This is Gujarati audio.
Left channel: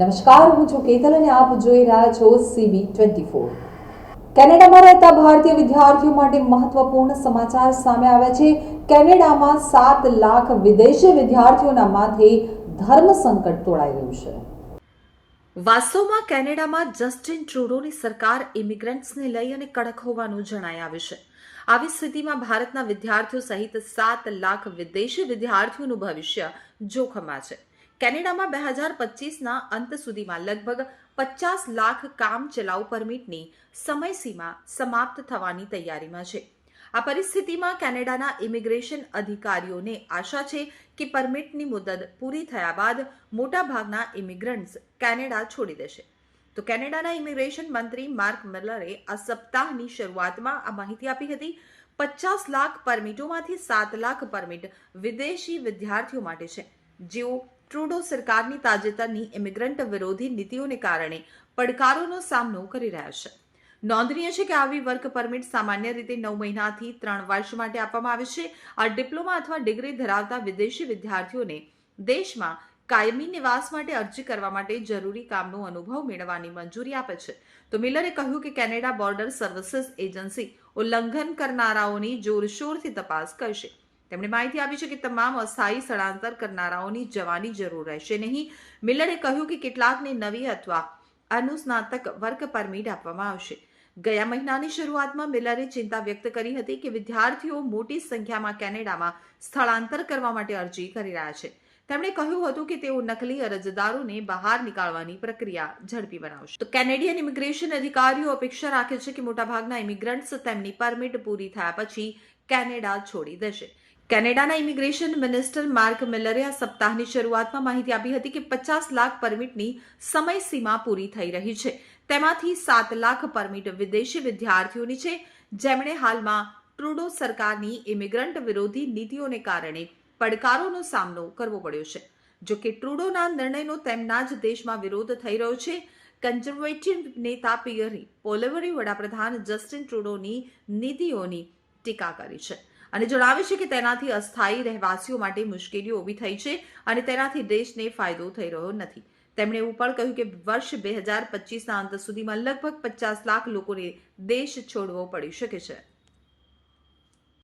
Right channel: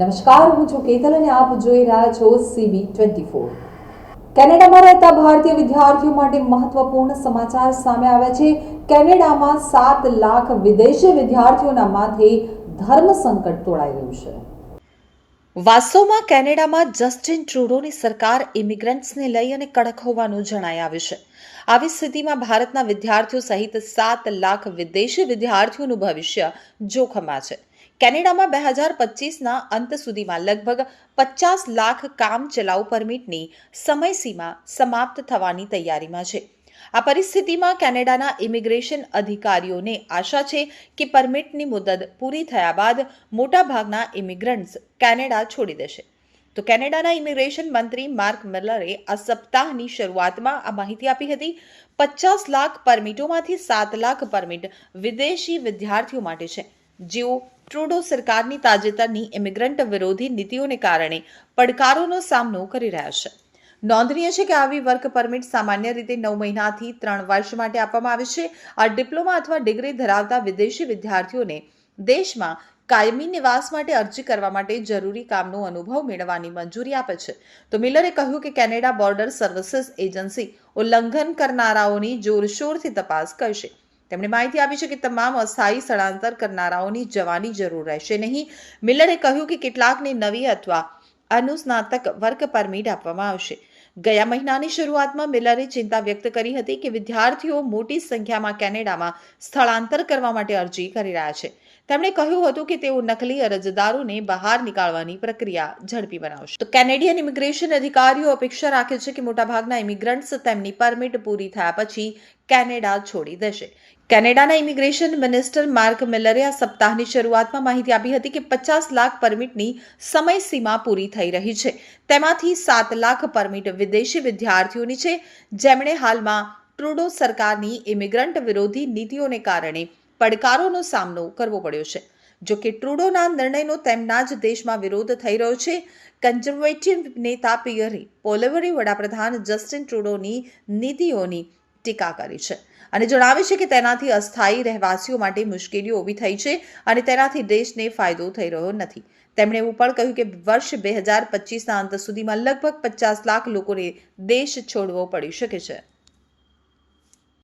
નમસ્કાર, હું છું કેતલ અને આપ જોઈ રહ્યા છો સીબી ટ્વેન્ટી ફોર કેનેડામાં રહેતા ભારતીય વિદ્યાર્થીઓ માટે મહત્વપૂર્ણ સમાચાર સામે આવ્યા છે. કેનેડામાં સાત લાખ વિદેશી વિદ્યાર્થીઓના માથે ધર્મ સંકટ તોડાઈ રહ્યું છે. વાસ્તવમાં કેનેડામાં જસ્ટિન ટ્રુડોની સરકાર ઇમિગ્રન્ટ્સને લઈ અને કડક હોવાનું જણાઈ આવ્યું છે. આવી સ્થિતિમાં ભારતના વિદ્યાર્થીઓ સહિત સાત લાખ વિદેશી વિદ્યાર્થીઓનું ભવિષ્ય જોખમમાં છે. કેનેડામાં બે હજાર પચીસના અંત સુધીમાં લગભગ પચાસ લાખ કામ ચલાઉ પરમિટની સમયસીમા સમાપ્ત થવાની તૈયારીમાં છે. આ પરિસ્થિતિમાં કેનેડાના ઇમિગ્રેશન અધિકારીઓને આશા છે કે પરમિટની મુદત પૂરી થયા બાદ મોટાભાગના ઇમિગ્રન્ટ્સ કેનેડા છોડી દેશે. તો કેનેડાના ઇમિગ્રેશન મંત્રી માર્ક મિલરે આ સપ્તાહની શરૂઆતમાં આ માહિતી આપી હતી, પચાસ લાખ પરમિટોમાંથી સાત લાખ પરમિટ વિદેશી વિદ્યાર્થીઓ માટે છે. જેઓ ટ્રુડો સરકારની તાજેતરની ઇમિગ્રન્ટ વિરોધી નીતિઓને કારણે પડકારોનો સામનો કરી રહ્યા છે. નોંધનીય છે કે આવી વર્ક પરમિટ સામાન્ય રીતે નવ મહિનાથી ત્રણ વર્ષ માટે આપવામાં આવે છે. આ ડિપ્લોમા અથવા ડિગ્રી ધરાવતા વિદેશી વિદ્યાર્થીઓને દેશમાં કાયમી નિવાસ માટે અરજી કરવા માટે જરૂરી કામનો અનુભવ મેળવવાની મંજૂરી આપે છે. તો મિલરે કહ્યું કે કેનેડા બોર્ડર સર્વિસીસ એજન્સી ઉલ્લંઘન કરનારાઓની જોરશોરથી તપાસ કરશે. તેમણે માહિતી આપી છે કે તમામ અસ્થાયી સ્થળાંતર કરનારાઓની જવાની જરૂર રહેશે. નહીં, મિલરે કહ્યું કે કેટલાકને નવી અથવા અનુસ્નાતક વર્ક પરમિટ આપવામાં આવશે. ગયા મહિનાની શરૂઆતમાં મિલરે ચિંતા વ્યક્ત કરી હતી કે વિદ્યાર્થીઓ મોટી સંખ્યામાં કેનેડામાં સ્થળાંતર કરવા માટે અરજી કરી રહ્યા છે. તેમણે કહ્યું હતું કે તેઓ નકલી અરજદારોને બહાર નીકાળવાની પ્રક્રિયા ઝડપી બનાવશે. તો કેનેડિયન ઇમિગ્રેશન અધિકારીઓ અપેક્ષા રાખે છે કે મોટાભાગના ઇમિગ્રન્ટ્સ તેમની પરમિટ પૂરી થયા પછી કેનેડા છોડી દેશે. કેનેડાના ઇમિગ્રેશન મિનિસ્ટર માર્ક મિલરે આ સપ્તાહની શરૂઆતમાં માહિતી આપી હતી કે પચાસ લાખ પરમિટની સમયસીમા પૂરી થઈ રહી છે. તેમાંથી સાત લાખ પરમિટ વિદેશી વિદ્યાર્થીઓની છે. જેમણે હાલમાં ટ્રુડો સરકારની ઇમિગ્રન્ટ વિરોધી નીતિઓને કારણે પડકારોનો સામનો કરવો પડ્યો છે. જો કે ટ્રુડોના નિર્ણયનો તેમના જ દેશમાં વિરોધ થઈ રહ્યો છે. કન્ઝર્વેટિવ નેતા પિયરે પોલેવરી વડાપ્રધાન જસ્ટિન ટ્રુડોની નીતિઓની ટીકા કરી છે. અને જણાવે છે કે તેનાથી અસ્થાયી રહેવાસીઓ માટે મુશ્કેલીઓ ઊભી થઈ છે અને તેનાથી દેશને ફાયદો થઈ રહ્યો નથી. તેમણે એવું પણ કહ્યું કે વર્ષ બે હજાર પચીસના અંત સુધીમાં લગભગ પચાસ લાખ લોકોને દેશ છોડવો પડી શકે છે.